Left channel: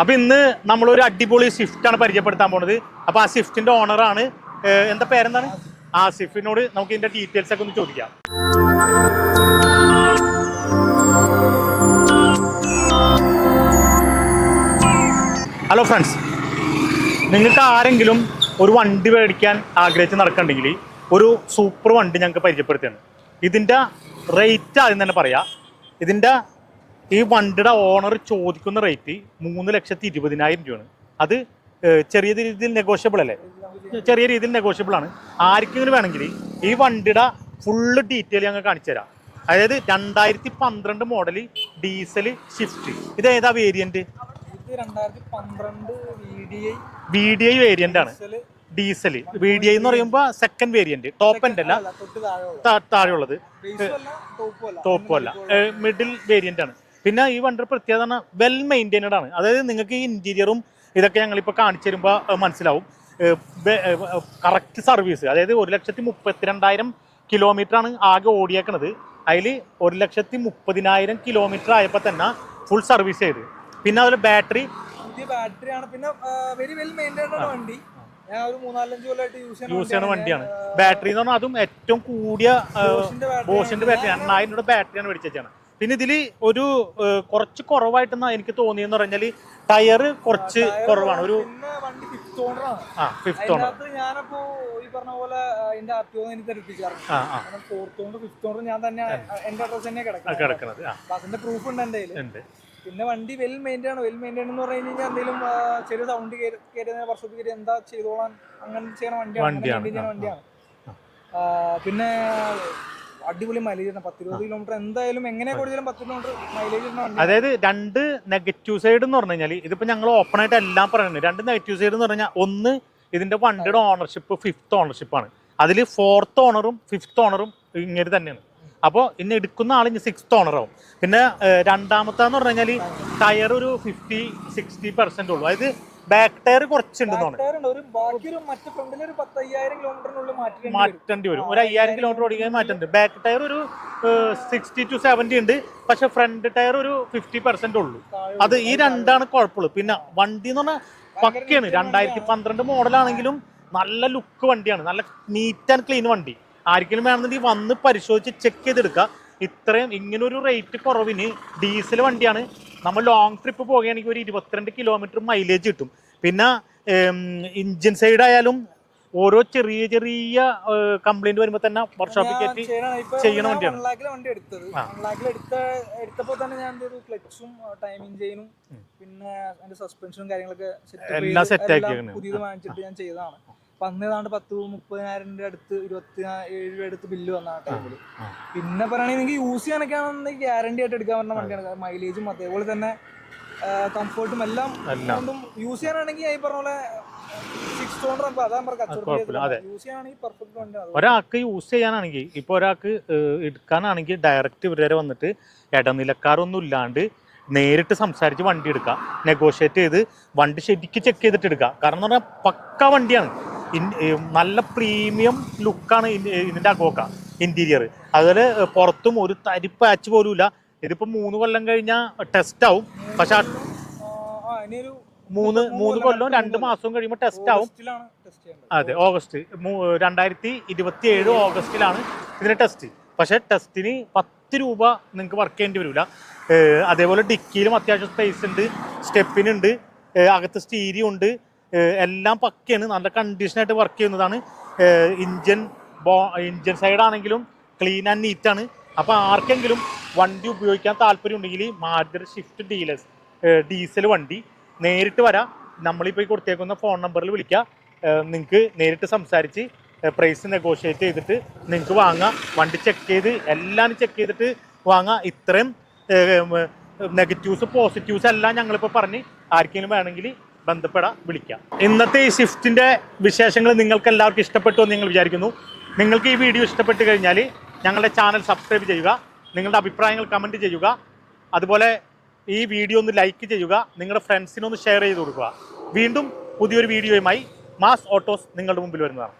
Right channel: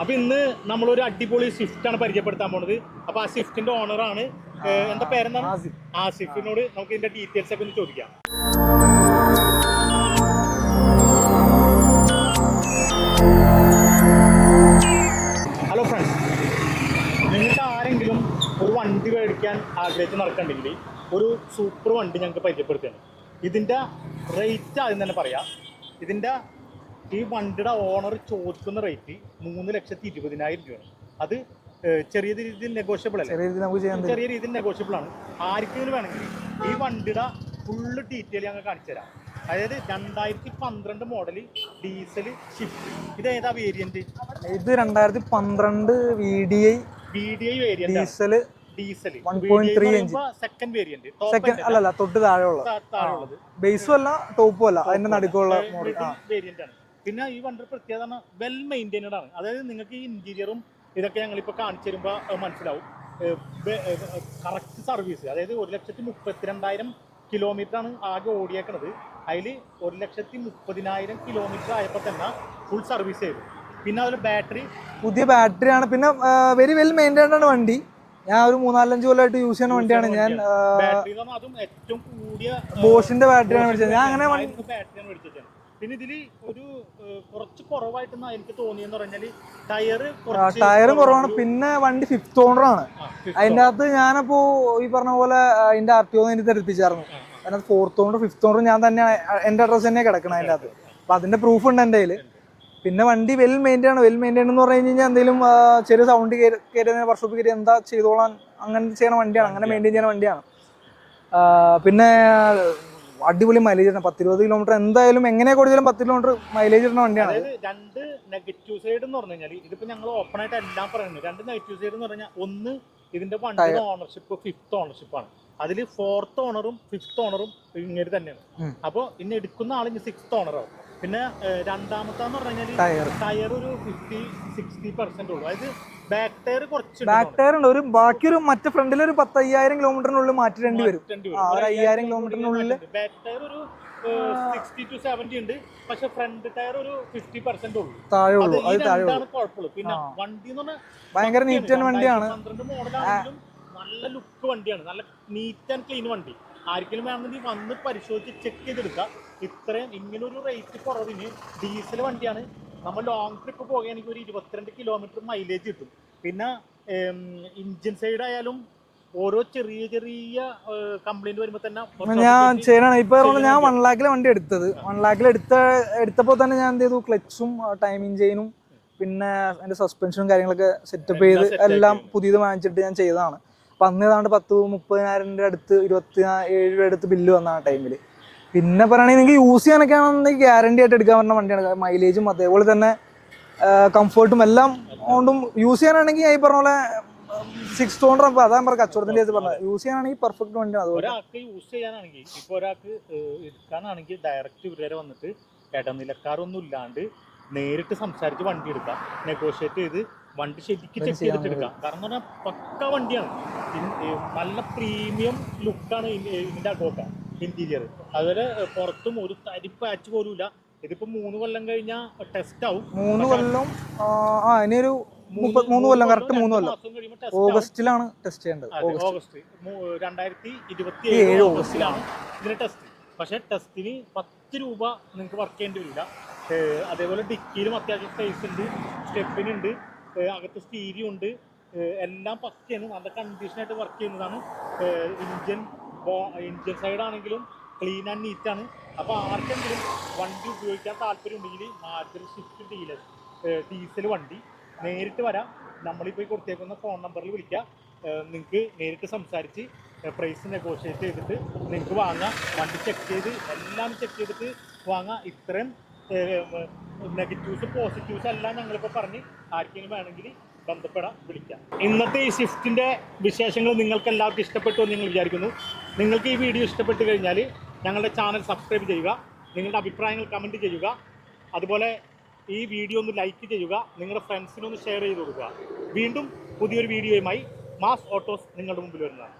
അപ്പൊ ഇന്ന് നമ്മളൊരു അടിപൊളി സ്വിഫ്റ്റ് ആണ് പരിചയപ്പെടുത്താൻ പോണത്. അപ്പൊ ആ സ്വിഫ്റ്റിന്റെ ഓണറാണ്, എന്താ പേരെന്താണ്? ആസിഫിനോട് നമുക്ക് ഇതിന്റെ ഡീറ്റെയിൽസ് ഒക്കെ ഒന്ന് ചോദിക്കാം. ഹലോ ഫ്രണ്ട്സ്, നിങ്ങൾക്ക് ആരെങ്കിലും ഒരു വണ്ടി മേടിക്കാൻ ആഗ്രഹിച്ച് നടക്കണ്ടെങ്കിൽ ഒരു സൂപ്പർ വണ്ടി ഞങ്ങൾക്ക് പരിചയപ്പെടുത്തുകയാണ്. ഇതിൻ്റെ റേറ്റ് ആദ്യം തന്നെ പറയാം. ഇതിൻ്റെ ഈ വണ്ടിയുടെ ഓണർ ചോദിക്കുന്ന റേറ്റ് 3,20,000 രൂപയാണ്. അത് ചെറിയ രീതിയിൽ നെഗോഷ്യബിൾ അല്ലേ? ചെറിയ രീതിയിൽ നെഗോഷ്യബിൾ ആണ്. ആർക്കെങ്കിലും വേണമെങ്കിൽ ഈ വണ്ടിയുടെ ഫുള്ള് ഡീറ്റെയിൽ ഞങ്ങൾ കാണിച്ചു തരാം. അതായത് 2012 മോഡൽ ഡീസൽ സ്വിഫ്റ്റ്. ഇത് ഏതാ വേരിയന്റ്? ഇത് 2012 VDI വേരിയന്റ് ആണ്. ഡീസൽ VDI എന്ന് പറയുമ്പോൾ സെക്കൻഡ് വേരിയന്റ്, ടോപ്പ് എൻഡ് അല്ല, തൊട്ട് താഴെയുള്ളത്, ബേസും അല്ല ടോപ്പും അല്ല, മിഡിൽ വേരിയന്റ് ആണ്. പിന്നെ ഈ വണ്ടിയുടെ പ്രത്യേകത വെൽ മെയിൻറ്റൈൻഡ് ആണ്. അതായത് നിങ്ങൾക്ക് ഈ ഇന്റീരിയറും ഇതൊക്കെ ഞങ്ങളിപ്പോൾ കാണിച്ചു തരുമ്പോൾ മനസ്സിലാവും. കറക്റ്റ് സർവീസ്, അതായത് 1,32,000 കിലോമീറ്റർ ആണ് ആകെ ഓടിയേക്കണത്. അതിൽ 1,30,000 കിലോമീറ്റർ ആയപ്പോൾ തന്നെ ഫുൾ സർവീസ് ചെയ്ത്. പിന്നെ അതുപോലെ ബാറ്ററി പുതിയ ബാറ്ററിയാണ്. പിന്നെ വെരി വെൽ മെയിൻറ്റൈൻഡ് ആണ് വണ്ടി. ഞാൻ ഒരു 3-4 കൊല്ലമായിട്ട് യൂസ് ചെയ്യുന്ന വണ്ടിയാണ്. ബാറ്ററി എന്ന് പറഞ്ഞാൽ അതും ഏറ്റവും കൂടിയ ബോഷിന്റെ ബാറ്ററിയാണ് മേടിച്ചാണ്. പിന്നെ ഇതില് ഒരു കുറച്ച് കുറവായിട്ടെന്നാ എനിക്ക് തോന്നിയെന്ന് പറഞ്ഞാല് ടയർ കുറവാണ്. പിന്നെ വണ്ടി 5th ഓണർ ആണ്. അതിന്റെ അകത്ത് ഞാനപ്പോ ഈ പറഞ്ഞ പോലെ അതിന്റെ RTO എനിക്ക് തെളിപ്പിച്ചായിരുന്നു. കാരണം 4th ഓണർ 5th ഓണർ ഞാൻ തന്നെ എന്റെ അഡ്രസ് തന്നെ കിടക്കണം. അപ്പൊ അതിന്റെ പ്രൂഫ് ഉണ്ട് എന്റെ കയ്യില്. പിന്നെ വണ്ടി വെൽ മെയിൻറ്റൈൻ ആണ്. വെൽ മെയിൻറ്റൈൻ എന്ന് പറഞ്ഞു കഴിഞ്ഞാൽ എന്തെങ്കിലും ചെറിയ സൗണ്ട് കയറിയതിന് വർഷോപ്പ് കയറി എന്താ ചെയ്തോളാൻ അങ്ങനെ ചെയ്യുന്ന വണ്ടിയാണ്. അങ്ങനെ മെയിൻറ്റൈൻ ചെയ്യുന്ന വണ്ടിയാണ്. പിന്നെ അടിപൊളി മൈലേജ് ആണ്. 10-20 കിലോമീറ്റർ എന്തായാലും എങ്ങനെ കൊടുത്താലും 10 കിലോമീറ്റർ മൈലേജ് ഇടുന്ന വണ്ടിയാണ്. അതായത് രണ്ട് നെഗറ്റീവ് സൈഡ് എന്ന് പറഞ്ഞു കഴിഞ്ഞാൽ, ഇതിപ്പോ ഞങ്ങൾ ഓപ്പൺ ആയിട്ട് എല്ലാം പറയുന്നത്, രണ്ട് നെഗറ്റീവ് സൈഡ് എന്ന് പറഞ്ഞാൽ, ഒന്ന് ഇതിന്റെ വണ്ടിയുടെ ഓണർഷിപ്പ് 5th ഓണർഷിപ്പ് ആണ്. അതിൽ 4th ഓണറും 5th ഓണറും ഇങ്ങനെ തന്നെയാണ്. അപ്പോൾ ഇന്ന് എടുക്കുന്ന ആൾ 6th ഓണറാവും. പിന്നെ രണ്ടാമത്തെന്ന് പറഞ്ഞു കഴിഞ്ഞാൽ ടയർ ഒരു 50-60% ഉള്ളൂ. അതായത് ബാക്ക് ടയർ കുറച്ചുണ്ട്. ഒരു ബാക്കി ഒരു മറ്റേ ഫ്രണ്ടിൽ ഒരു 10,000 കിലോമീറ്ററിനുള്ളിൽ മാറ്റേണ്ടി വരും. ഒരു 5,000 കിലോമീറ്റർ ഓടിക്കാൻ മാറ്റുന്നുണ്ട്. ബാക്ക് ടയർ ഒരു 60-70 ഉണ്ട്. പക്ഷെ ഫ്രണ്ട് ടയർ ഒരു 50% ഉള്ളൂ. അത് ഈ രണ്ടാണ് കുഴപ്പമുള്ളൂ. പിന്നെ വണ്ടി എന്ന് പറഞ്ഞാൽ 2012 മോഡലാണെങ്കിലും നല്ല ലുക്ക് വണ്ടിയാണ്. നല്ല നീറ്റ് ആൻഡ് ക്ലീൻ വണ്ടി. ആർക്കെങ്കിലും വേണമെന്നുണ്ടെങ്കിൽ വന്ന് പരിശോധിച്ച് ചെക്ക് ചെയ്തെടുക്കുക. ഇത്രയും ഇങ്ങനൊരു റേറ്റ് കുറവിന് ഡീസൽ വണ്ടിയാണ്. നമ്മൾ ലോങ് ട്രിപ്പ് പോകുകയാണെങ്കിൽ ഒരു 22 കിലോമീറ്റർ മൈലേജ് കിട്ടും. പിന്നെ ഇഞ്ചിൻ സൈഡ് ആയാലും ഓരോ ചെറിയ ചെറിയ കംപ്ലൈന്റ് വരുമ്പോൾ തന്നെ ഇപ്പൊ ഞാൻ 1 lakhിലെ വണ്ടി എടുത്തത്. 1 lakhിൽ എടുത്തപ്പോൾ തന്നെ ഞാൻ എന്ത് ചെയ്തു, ക്ലച്ചും ടൈമിംഗ് ചെയിനും പിന്നെ അതിന്റെ സസ്പെൻഷനും കാര്യങ്ങളൊക്കെ സെറ്റപ്പ് ചെയ്ത് എല്ലാം പുതിയത് വാങ്ങിച്ചിട്ട് ഞാൻ ചെയ്തതാണ്. അപ്പൊ അന്ന് ഏതാണ്ട് 10-30,000 അടുത്ത് 27 രൂപ അടുത്ത് ബില്ല് വന്ന ആ ടൈമില്. പിന്നെ പറയുകയാണെങ്കിൽ നിങ്ങൾക്ക് യൂസ് ചെയ്യാനൊക്കെ ആണെന്നുണ്ടെങ്കിൽ ഗ്യാരണ്ടി ആയിട്ട് എടുക്കാൻ പറ്റുന്ന വണ്ടിയാണ്. മൈലേജും അതേപോലെ തന്നെ കംഫർട്ടും എല്ലാം കൊണ്ടും യൂസ് ചെയ്യാനാണെങ്കിൽ ഈ പറഞ്ഞ പോലെ 6th ഓണർ അതാ കച്ചവടത്തിൽ യൂസ് ചെയ്യാനാണെങ്കിൽ പെർഫെക്റ്റ് വണ്ടിയാണ്. ഒരാൾക്ക് യൂസ് ചെയ്യാനാണെങ്കിൽ, ഇപ്പൊ ഒരാൾക്ക് എടുക്കാനാണെങ്കിൽ ഡയറക്റ്റ് ഇവരെ വന്നിട്ട് ഇടനിലക്കാരൊന്നും ഇല്ലാണ്ട് നേരിട്ട് സംസാരിച്ച് വണ്ടി എടുക്കാം. നെഗോഷിയേറ്റ് ചെയ്ത് വണ്ടി ശരിക്കും ചെക്ക് ചെയ്തിട്ട് എടുക്കാം. കാരണം എന്ന് പറഞ്ഞാൽ പക്ക വണ്ടിയാണ്. നല്ല പ്രീമിയം ലുക്കാണ് ഇതിന്റെ അകോക്ക ഇന്റീരിയർ. അതുപോലെ പുറത്തും ഒരു തരി പാച്ച് പോലും ഇല്ല. ഇതിപ്പോ 3 കൊല്ലം കഴിഞ്ഞാൽ ടെസ്റ്റ് ആവും. പക്ഷെ 3 മാസം കഴിയുമ്പോൾ ടെസ്റ്റ് ആവും. അതെ, ഓഗസ്റ്റ് 2027 ഓഗസ്റ്റിലാണ് ഇതിന്റെ ടെസ്റ്റ്. പക്ഷെ ടെസ്റ്റിന് 10 രൂപ നിങ്ങൾക്ക് വർക്ക് ചെയ്യേണ്ടി വരില്ല. അതേപോലെ ഡിക്കിയിലും അത്യാവശ്യം സ്പേസ് ഉണ്ട്, സ്റ്റെപ്പിനുണ്ട്, അകത്ത് സ്റ്റീരിയോ ഉണ്ട്, എല്ലാം പക്കയാണ്. നല്ല കണ്ടീഷനായിട്ട് വർക്ക് ചെയ്യുന്നതാണ്. ഇഞ്ചൻ സൈഡ് ആണെങ്കിലും ക്ലീൻ ആൻഡ് നീറ്റ് ആണ്. അപ്പോൾ ആർക്കെങ്കിലും വണ്ടി ഉപയോഗിക്കാൻ താല്പര്യം ഉണ്ടെങ്കിൽ മാരുതി സ്വിഫ്റ്റ് ഡീലേഴ്സ് ഡീസൽ വണ്ടി നേരിട്ട് വരാം. നമ്മളിപ്പോൾ ഈ കൊടുത്തേക്കുന്ന ഫോൺ നമ്പറിൽ വിളിക്കുക. നിങ്ങൾക്ക് നേരിട്ട് സംസാരിച്ച് പ്രൈസ് നെഗോഷിയേറ്റ് ചെയ്തിട്ട് നിങ്ങൾക്ക് വാങ്ങാം. വണ്ടി ചെക്ക് ചെയ്ത് എല്ലാം ചെക്ക് ചെയ്തിട്ട് വാങ്ങാം. ഇത്രയും നെഗറ്റീവ്സ് പോസിറ്റീവ്സ് എല്ലാം ഞങ്ങളിപ്പോൾ പറഞ്ഞ് ആർക്കെങ്കിലും വേണമെങ്കിൽ ബന്ധപ്പെടാം, വിളിക്കാം. ഇന്നത്തെ ഈ സ്വിഫ്റ്റിൻ്റെ വിശേഷങ്ങൾ നിങ്ങൾക്ക് എല്ലാവർക്കും ഇഷ്ടപ്പെട്ടു എന്ന് നിങ്ങൾ വിചാരിക്കുന്നു. നിങ്ങൾക്ക് ഈ വീഡിയോ ഇഷ്ടപ്പെട്ട് കഴിഞ്ഞാൽ ഞങ്ങളുടെ ചാനൽ സബ്സ്ക്രൈബ് ചെയ്യുക, നിങ്ങളുടെ അഭിപ്രായങ്ങൾ കമൻറ്റ് ചെയ്യുക, അതുപോലെ ഈ വീഡിയോ ഒന്ന് ലൈക്ക് ചെയ്യുക, നിങ്ങളുടെ ഫ്രണ്ട്സിനൊന്ന് ഷെയർ ചെയ്ത് കൊടുക്കുക. വീണ്ടും പുതിയൊരു വീഡിയോയുമായി മാസ് ഓട്ടോസ് നിങ്ങളുടെ മുമ്പിൽ വരുന്നതാണ്.